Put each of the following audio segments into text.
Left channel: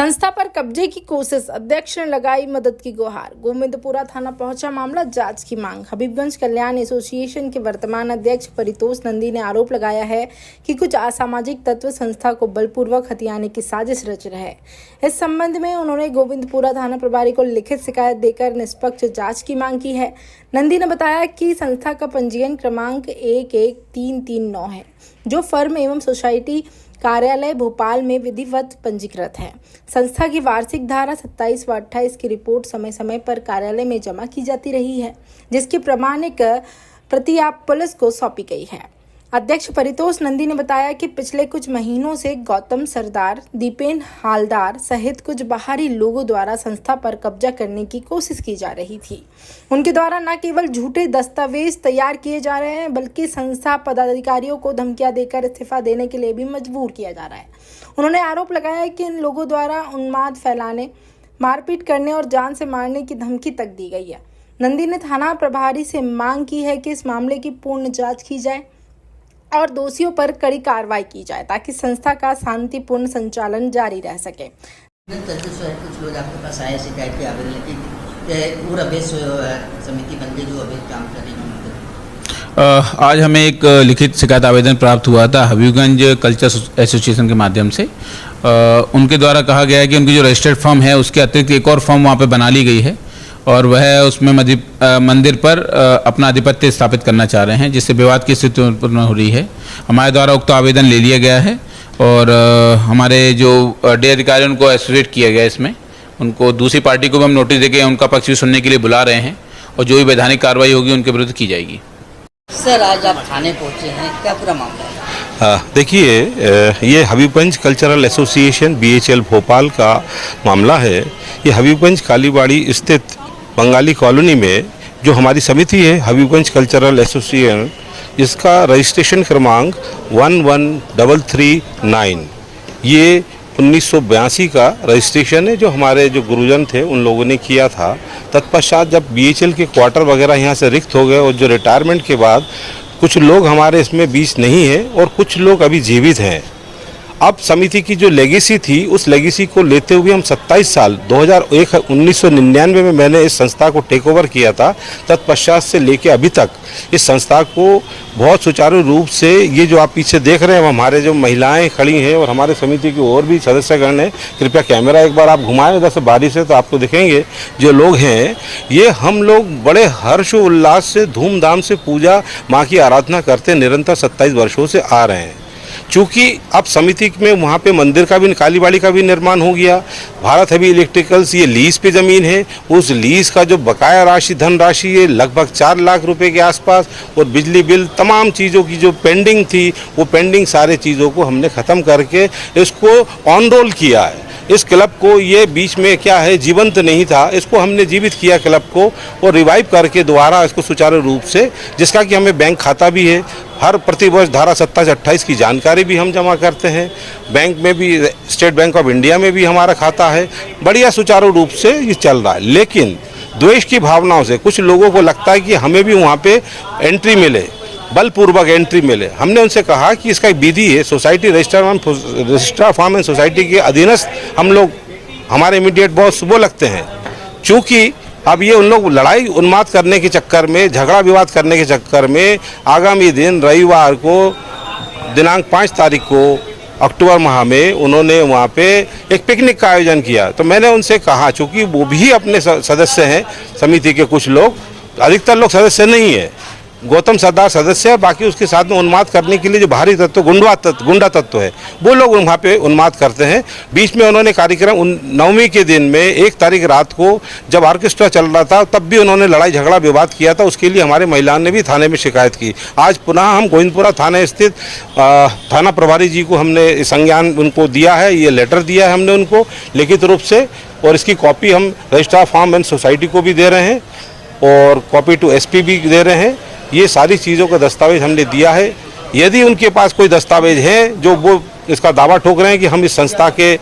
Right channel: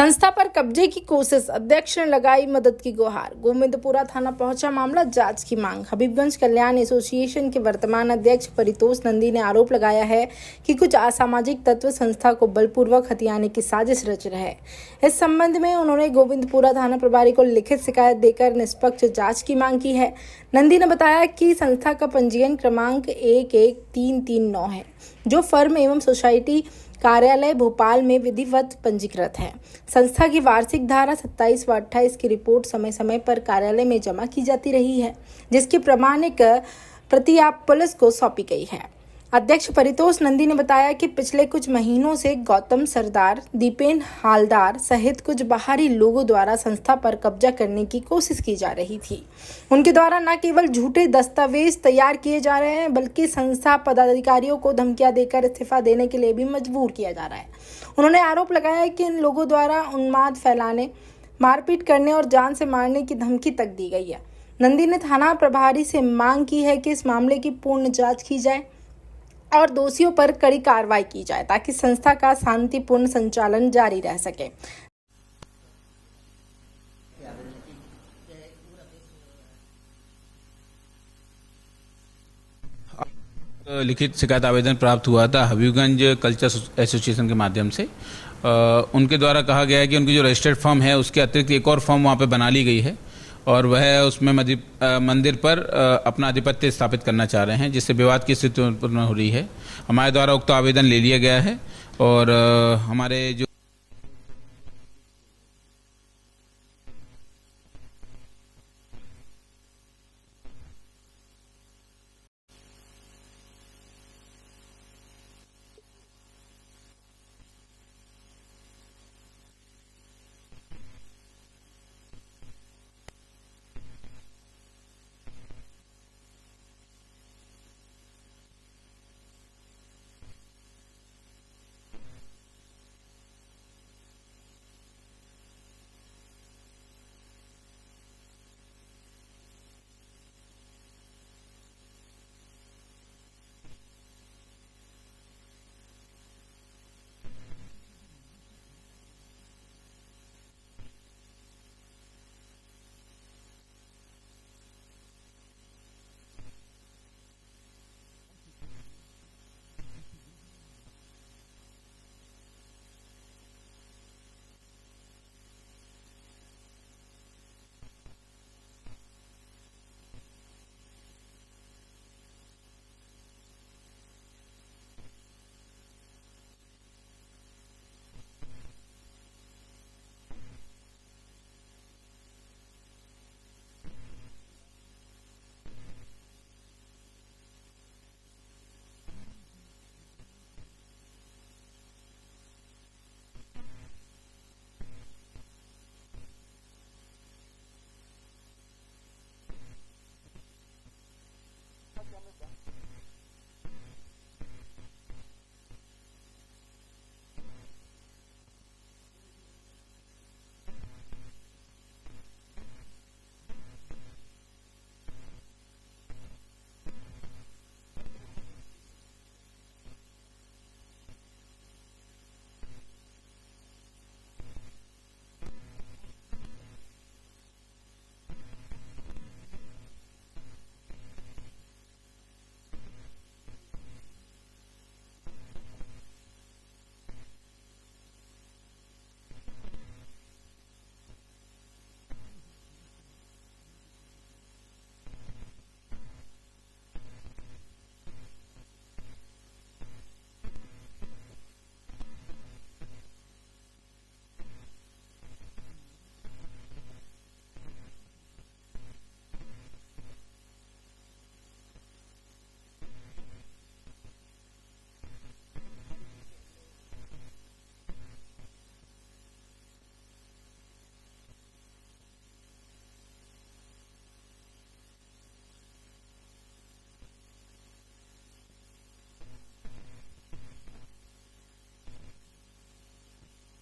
संस्था पर कब्जे की कोशिश, अध्यक्ष ने लगाई मदद की गुहार। गोविंदपुरा थाना पहुंचा मामला, जांच की मांग। हबीबगंज कल्याण एसोसिएशन के वर्तमान अध्यक्ष परितोष नंदी ने आरोप लगाया है कि कुछ असामाजिक तत्व संस्था को बलपूर्वक हथियाने की साजिश रच रहे हैं। इस संबंध में उन्होंने गोविंदपुरा थाना प्रभारी को लिखित शिकायत देकर निष्पक्ष जाँच की मांग की है। नंदी ने बताया कि संस्था का पंजीयन क्रमांक 11339 है, जो फर्म एवं सोसाइटी कार्यालय भोपाल में विधिवत पंजीकृत है। संस्था की वार्षिक धारा 27 व 28 की रिपोर्ट समय समय पर कार्यालय में जमा की जाती रही है, जिसकी प्रमाणिक प्रति आप पुलिस को सौंपी गई है। अध्यक्ष परितोष नंदी ने बताया कि पिछले कुछ महीनों से गौतम सरदार, दीपेन हालदार सहित कुछ बाहरी लोगों द्वारा संस्था पर कब्जा करने की कोशिश की जा रही थी। उनके द्वारा न केवल झूठे दस्तावेज तैयार किए जा रहे हैं, बल्कि संस्था पदाधिकारियों को धमकियां देकर इस्तीफा देने के लिए भी मजबूर किया जा रहा है। उन्होंने आरोप लगाया कि इन लोगों द्वारा उन्माद फैलाने, मारपीट करने और जान से मारने की धमकी तक दी गई है। नंदी ने थाना प्रभारी से मांग की है कि इस मामले की पूर्ण जाँच की जाए और दोषियों पर कड़ी कार्रवाई की जाए, ताकि संस्था का शांतिपूर्ण संचालन जारी रह सके। कुछ लोग आपके पास आए शिकायत के आवेदन लेके पूरा बेस समिति बन गई जो अभी काम कर रही है। आज हमें एक लिखित शिकायत आवेदन प्राप्त हुआ था हबीबगंज कल्चर एसोसिएशन के माध्यम से। उनके द्वारा कहा गया है कि उनकी जो रजिस्टर्ड फर्म है उसके अतिरिक्त एक और फर्म वहाँ पे बना ली गई है और वह उसमें मंदिर पर अपना आधिपत्य स्थापित करना चाह रहे हैं, जिससे विवाद की स्थिति उत्पन्न हो रही है। हमारे द्वारा उक्त आवेदन ले लिया गया है और हमारे जो डे अधिकारी उनको एसोसिएट किया गया है। इसमें उनको दूसरी पार्टी को भी हम नोटिस देके उनका पक्ष भी सुनने के लिए बुला रहे हैं और जो भी वैधानिक कार्रवाई होगी उनके विरुद्ध की जाएगी। सर, आज आप थाने पहुँचे हैं, क्या पूरा मामला है? देखिए, ये Habibganj cultural association BHL Bhopal का मामला है। ये हबीबगंज कालीबाड़ी स्थित बंगाली कॉलोनी में जो हमारी समिति है हबीबगंज कल्चरल एसोसिएशन, जिसका रजिस्ट्रेशन क्रमांक 11339, ये 1982 का रजिस्ट्रेशन है, जो हमारे जो गुरुजन थे उन लोगों ने किया था। तत्पश्चात जब BHL के क्वार्टर वगैरह यहाँ से रिक्त हो गए और जो रिटायरमेंट के बाद कुछ लोग हमारे इसमें बीच नहीं है और कुछ लोग अभी जीवित हैं। अब समिति की जो लेगेसी थी, उस लेगेसी को लेते हुए हम 27 साल 1999 में मैंने इस संस्था को टेक ओवर किया था। तत्पश्चात से लेके अभी तक इस संस्था को बहुत सुचारू रूप से, ये जो आप पीछे देख रहे हैं हमारे जो महिलाएं खड़ी हैं और हमारे समिति की और भी सदस्यगण हैं, कृपया कैमरा एक बार आप घुमाएं इधर से बारी से, तो आपको दिखेंगे जो लोग हैं, ये हम लोग बड़े हर्ष उल्लास से धूमधाम से पूजा माँ की आराधना करते निरंतर 27 वर्षों से आ रहे हैं। चूँकि अब समिति में वहाँ पे मंदिर का भी, कालीबाड़ी का भी निर्माण हो गया। भारत हेवी इलेक्ट्रिकल्स ये लीज पे ज़मीन है, उस लीज का जो बकाया राशि, धनराशि है लगभग 4 लाख रुपए के आसपास, और बिजली बिल तमाम चीज़ों की जो पेंडिंग थी, वो पेंडिंग सारे चीज़ों को हमने ख़त्म करके इसको ऑन रोल किया है। इस क्लब को, ये बीच में क्या है जीवंत नहीं था, इसको हमने जीवित किया क्लब को और रिवाइव करके दोबारा इसको सुचारू रूप से, जिसका कि हमें बैंक खाता भी है। हर प्रतिवर्ष धारा 27-28 की जानकारी भी हम जमा करते हैं। बैंक में भी, स्टेट बैंक ऑफ इंडिया में भी हमारा खाता है। बढ़िया सुचारू रूप से ये चल रहा है। लेकिन द्वेष की भावनाओं से कुछ लोगों को लगता है कि हमें भी वहाँ पे एंट्री मिले, बलपूर्वक एंट्री मिले। हमने उनसे कहा कि इसका एक विधि है, society registrar form and society के अधीनस्थ हम लोग, हमारे इमीडिएट बॉस वो लगते हैं। चूँकि अब ये उन लोग लड़ाई उन्माद करने के चक्कर में, झगड़ा विवाद करने के चक्कर में, आगामी दिन रविवार को दिनांक 5 तारीख को अक्टूबर माह में उन्होंने वहाँ पे एक पिकनिक का आयोजन किया। तो मैंने उनसे कहा, चूँकि वो भी अपने सदस्य हैं समिति के, कुछ लोग, अधिकतर लोग सदस्य नहीं है, गौतम सरदार सदस्य है, बाकी उसके साथ में उन्माद करने के लिए जो बाहरी तत्व, गुंडा तत्व है, वो लोग वहाँ पे उन्माद करते हैं। बीच में उन्होंने कार्यक्रम 9वीं के दिन में 1 तारीख रात को जब ऑर्केस्ट्रा चल रहा था, तब भी उन्होंने लड़ाई झगड़ा विवाद किया था। उसके लिए हमारे महिलाओं ने भी थाने में शिकायत की। आज पुनः हम गोविंदपुरा थाने स्थित थाना प्रभारी जी को हमने संज्ञान उनको दिया है, ये लेटर दिया है हमने उनको लिखित रूप से, और इसकी कॉपी हम रजिस्ट्रार फार्म एंड सोसाइटी को भी दे रहे हैं और कॉपी टू SP भी दे रहे हैं। ये सारी चीज़ों का दस्तावेज हमने दिया है। यदि उनके पास कोई दस्तावेज है जो वो इसका दावा ठोक रहे हैं कि हम इस संस्था के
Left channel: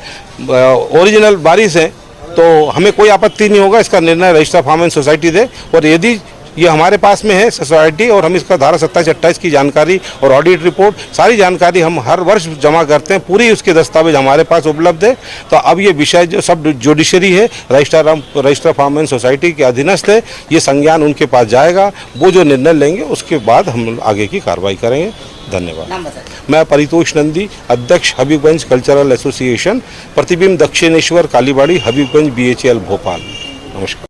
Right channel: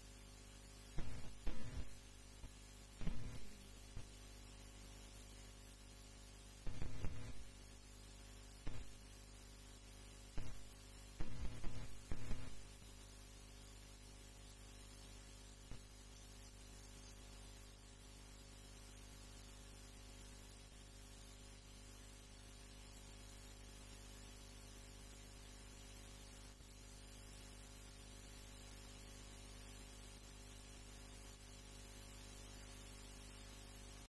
ओरिजिनल वारिस हैं, तो हमें कोई आपत्ति नहीं होगा, इसका निर्णय रजिस्ट्रार फार्म एंड सोसाइटी दे। और यदि ये हमारे पास में है सोसाइटी, और हम इसका धारा 27-28 की जानकारी और ऑडिट रिपोर्ट सारी जानकारी हम हर वर्ष जमा करते हैं, पूरी उसके दस्तावेज हमारे पास उपलब्ध है। तो अब ये विषय जो सब जुडिशरी है, रजिस्ट्रार फार्म एंड सोसाइटी के अधीनस्थ है, ये संज्ञान उनके पास जाएगा, वो जो निर्णय लेंगे उसके बाद हम आगे की कार्रवाई करेंगे। धन्यवाद। नाम बताइए। मैं परितोष नंदी, अध्यक्ष हबीबगंज कल्चरल एसोसिएशन, प्रतिबिंब दक्षिणेश्वर कालीबाड़ी, हबीबगंज BHL भोपाल। नमस्कार।